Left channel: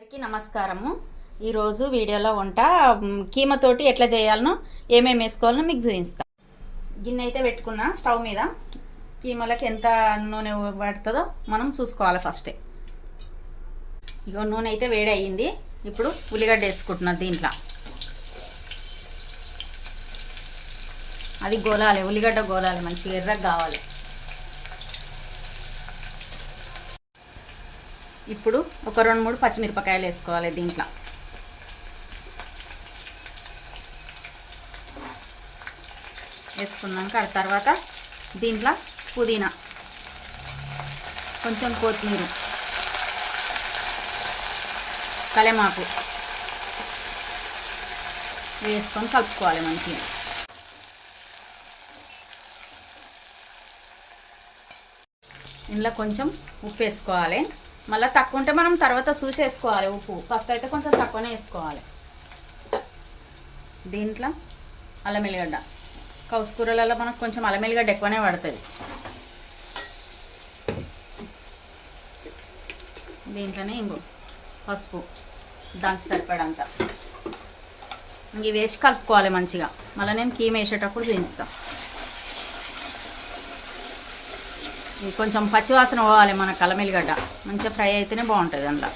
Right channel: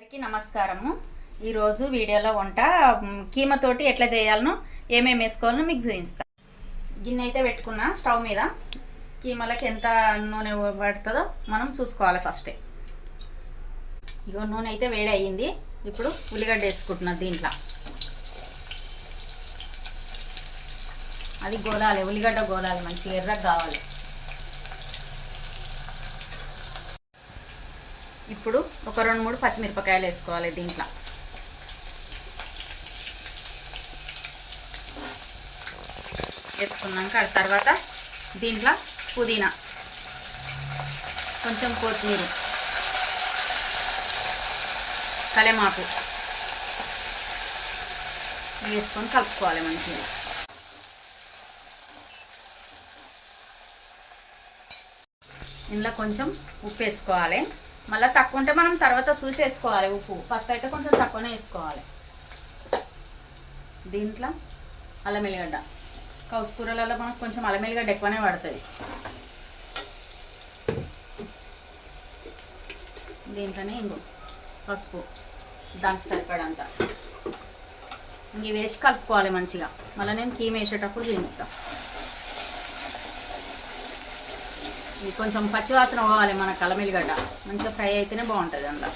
అందరికీ నమస్కారము. ఈరోజు వీడియోలో వంట కీమతోటి ఎట్లా చేయాలనో ఏమేమి వేసుకోవాలనో మీకు చూపిస్తా. గిన్నె అయితే పెట్టుకున్నా స్టవ్ మీద. కీమలకి ఎంత నూనె పడుతుందో మనం చూసుకోవాలి ఫస్టే. ఇగో నూనె అయితే వేడి అయ్యింది. ఇప్పుడు ఉల్లిగడ్డ వేసుకుంటున్నా దీంట్లో. అది గోలాలి, ఉల్లిగడ్డ గోలాలి, మంచిగా ఎర్రగా కావాలి. ఇప్పుడు ఒక 2-3 పచ్చిమిరపకాయలు వేసుకోవాలి దీంట్లో. వేసుకున్నాక ఆ తర్వాత దీంట్లో పుదీనా, కొంచెం కొత్తిమీర, కలెమాకు వేసుకొని కలుపుకోవాలి మంచిగా. ఇందులో కొంచెం ఉప్పు వేసుకోవాలి. మళ్ళీ తక్కువ ఉంటే మనం తర్వాత చూసి వేసుకోవాలి ఉప్పు. ఫస్ట్ అయితే కొంచెం తక్కువనే వేసుకోవాలి. దీంట్లో అల్లం ఎల్లిగడ్డ, కౌసుకూరలలో మనకు కొంచెం అల్లం ఎల్లిగడ్డ ఎక్కువనే పడుతుంది. దీంట్లోనే ఇంకో పసుపు దానికి సరిపడంత ఇంక వేసి కలుపుకోవాలి మంచిగా. మళ్ళీ నేను కీమ వేసేటప్పుడు చూపిస్తాను. కొంచెం పచ్చివాసన పోవాలి మన అల్లం ఎల్లిగడ్డ, మంచిగా ఫ్రై అయితేనే బాగుంటుంది అందులో.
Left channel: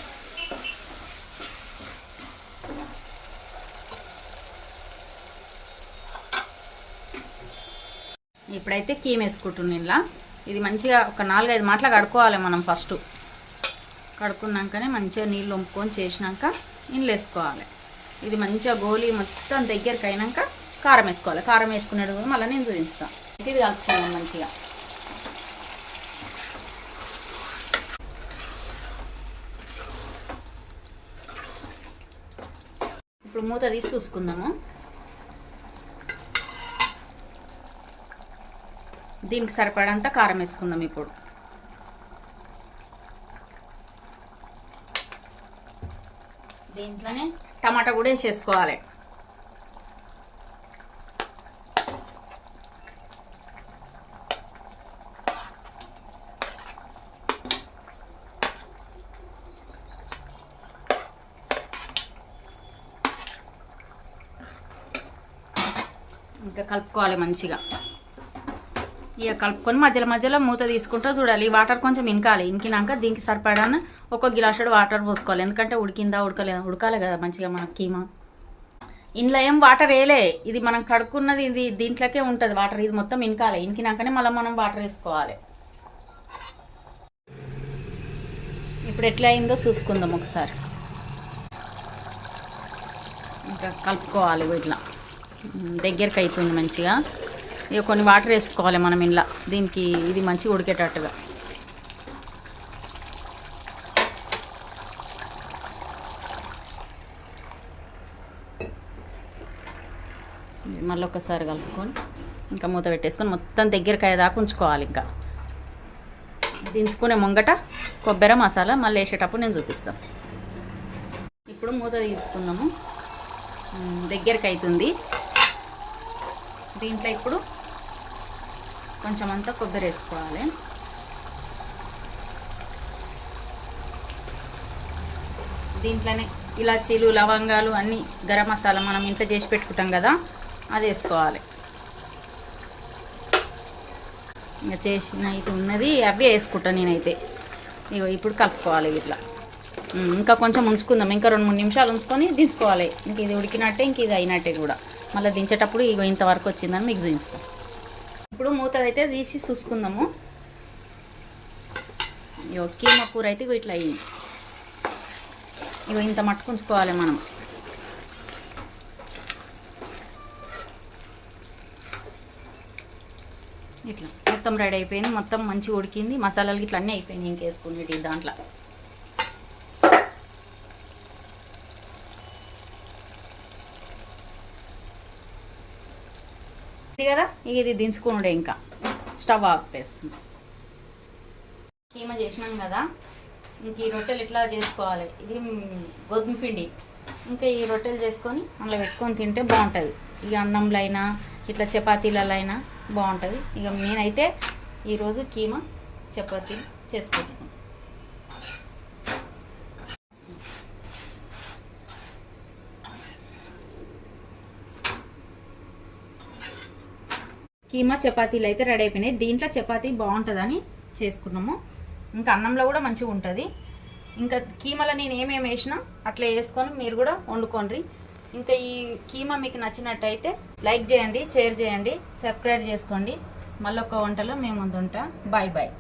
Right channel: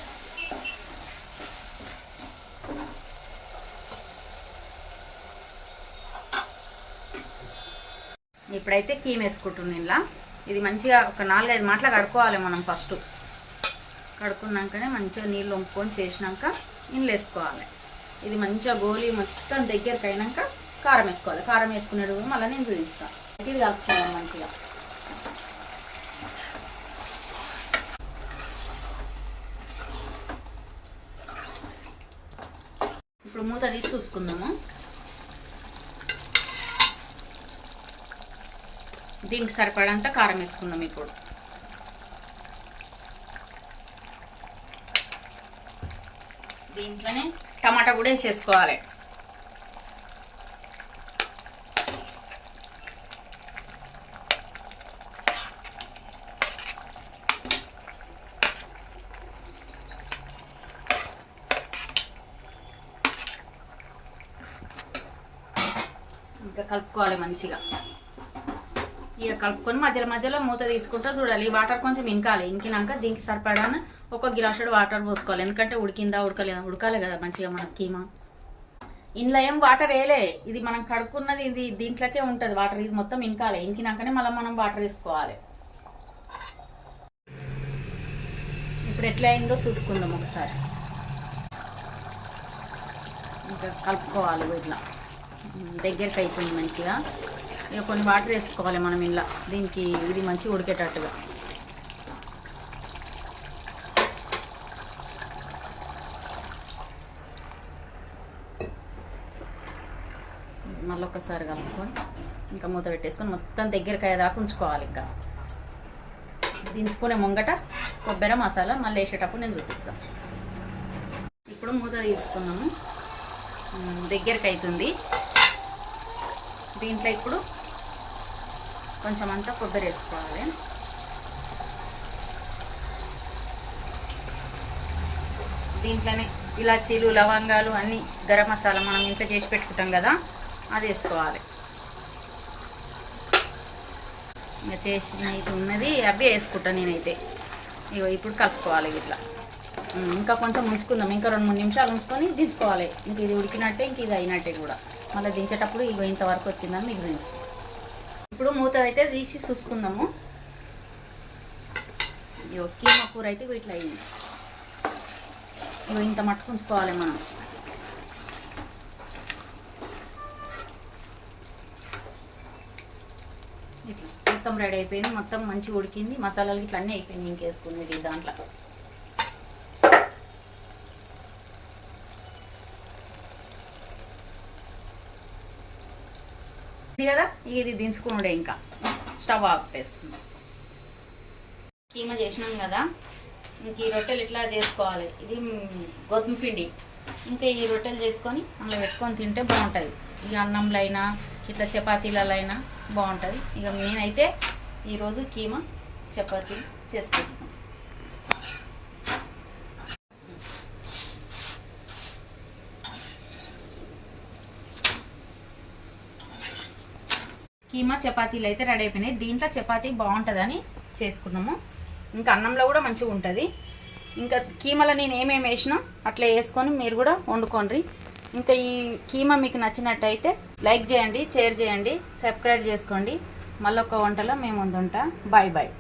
ఇప్పుడైతే కీమ వేసుకుంటున్నాను ఇలా. ఇది మంచిగా ఒక 4-5 మాటలు కడుక్కోవాలి మనం. ఫస్ట్ కడుక్కున్నాకనే మంచిగా నీళ్ళు వంపుకొని చేసినాక నీళ్ళు వేసుకోవాలి. ఇది మంచిగా గోలి మొత్తం దగ్గరికి అయినాక కారం వేసుకోవాలి. కారం వేసుకునేది కూడా మళ్ళీ నేను చూపిస్తాను. ఇది కలుపుకోవాలి మంచిగా. ఇప్పుడు మూత తీసి చూసుకుందాము. దీనికి సరిపడంత కారం వేసుకుందాం. ఇప్పుడు దీంట్లోనే టమాటా కూడా వేసేసుకోవాలి. ఇంకా కలుపుకోవాలి మంచిగా. ఇక కలుపుకొని మధ్యలో మధ్యలో మూత తీసుకుంటూ చూడాలి. వాటర్ కొంచెం ఇంకాలి. ఇంకినాక దీనికి సరిపడాన ఒక గ్లాసుడు వాటర్ పోసుకోవాలి. ఎందుకంటే ఉడికిందా ఉడకలేదా ఉడకాలి కదా మంచిగా మన కీమా. ఇంట్లో ఏం వాటర్ వేయలే, ఇది మనం కడుక్కున్నది ఇది దీంట్లోకే ఉంటుంది వాటర్. ఇది మొత్తం ఇంకాలి. ఇంకినాకనే మళ్ళీ మనం వాటర్ వేసుకోవాలి. ఇప్పుడు ఎట్లా అయిందో చూసుకుందాం ఒకసారి. ఇంకా కలుపుకోవాలి. ఇట్లా దగ్గరికి అయిపోయింది మంచిగా. ఇక కొన్ని వాటర్ వేసుకోవాలి మనం ఇలా. దీనికి ఇది మంచిగా ఉడికేటట్టుగా. మళ్ళీ ఒకసారి కలుపుకొని ఇంకా మూత పెట్టేసుకొని మొత్తం దగ్గరికి అయ్యేదాకా ఉంచుకోవాలి. ఇంకా దించుకునే ముంగట కొబ్బరి మసాలా మళ్ళీ వేసేటప్పుడు నేను చూపిస్తాను. ఇప్పుడు మూత తీసుకుందాము. దగ్గరికి అవుతుంది. దీంట్లో ఇప్పుడు కొంచెం అంతా కొబ్బరి వేసుకోవాలి. దీంట్లోనే ఇలాచీలు, లవంగాలు అన్నీ, గరం మసాలా మనం ఇంట్లో చేసి పెట్టుకుంటాం కదా, అది వేసుకోవాలి. ఇంకా చేసిన ఇది ఉన్నది అవే వేసుకుంటాను నేనైతే. ఇగో ఇప్పుడు కలుపుకోవాలి ఇట్లా. ఇంకా కొంచెం ఉంచుకుందాం. ఇంకా 2-3 నిమిషాలు ఉంచుకొని దించుకోవాలి. ఇంక ఇది ఉడికినట్టే, ఇంక ఇది అయినట్టే కూడా. మళ్ళీ దించేటప్పుడు ఇగో ఇంతవరకు వచ్చిందని మీకు చూపిస్తాం. ఇప్పుడు మూత అయితే తీసి చూసుకుందాము. ఇగో కీమా కూర అయితే ఇట్లా అయ్యింది. ఇగో ఇంత మట్టుకు ఉంచుకోవాలి మనం. ఇట్లా మొత్తం రెడీ అయిపోయింది. మొత్తం మంచిగా ఉడికింది. మసాలాలు ఇట్లా అన్నీ అయిపోయింది. ఇంకేసుకునేది దాంట్లో. ఇది కదా, ఇది దించుకున్నాడే. ఇంకా స్టవ్ ఆఫ్ చేస్తుంది. కీమా చేసినాం కదా, ఇంక ఈ రొట్టెలు ఇట్లా చేసుకోవాలి. ఇది గోధుమ పిండి. ఇంకా ఈ రొట్టెలు చేసుకొని అందులో పెట్టుకొని తింటే బాగుంటుంది. ఇక అన్నంలో అయినా ఇట్లా చపాతీలలో అయినా బాగుంటుంది. ఇక నేనైతే ఈరోజు కీమా చపాతీ చేసుకుంటున్నాను. కీమా చపాతీలు అయితే రెడీ అయిపోయినాయి. దీంట్లో చపాతీ బాగుంటుందని చేసుకున్నాము. ఇంకా అన్నంలో కూడా మంచిగా ఉంటుంది. ఇంకా కీమాలో నేను ఏమేమి వేసినా అట్లా వేసుకొని మీరు కూడా వండుకోండి. ఇంకా ఈ కీమా మీకు నచ్చినట్టయితే లైక్ చేయండి, షేర్ చేయండి, సబ్స్క్రైబ్ చేసుకోండి. మళ్ళీ ఒక వంటలో మేము ముందుంటా. Bye bye.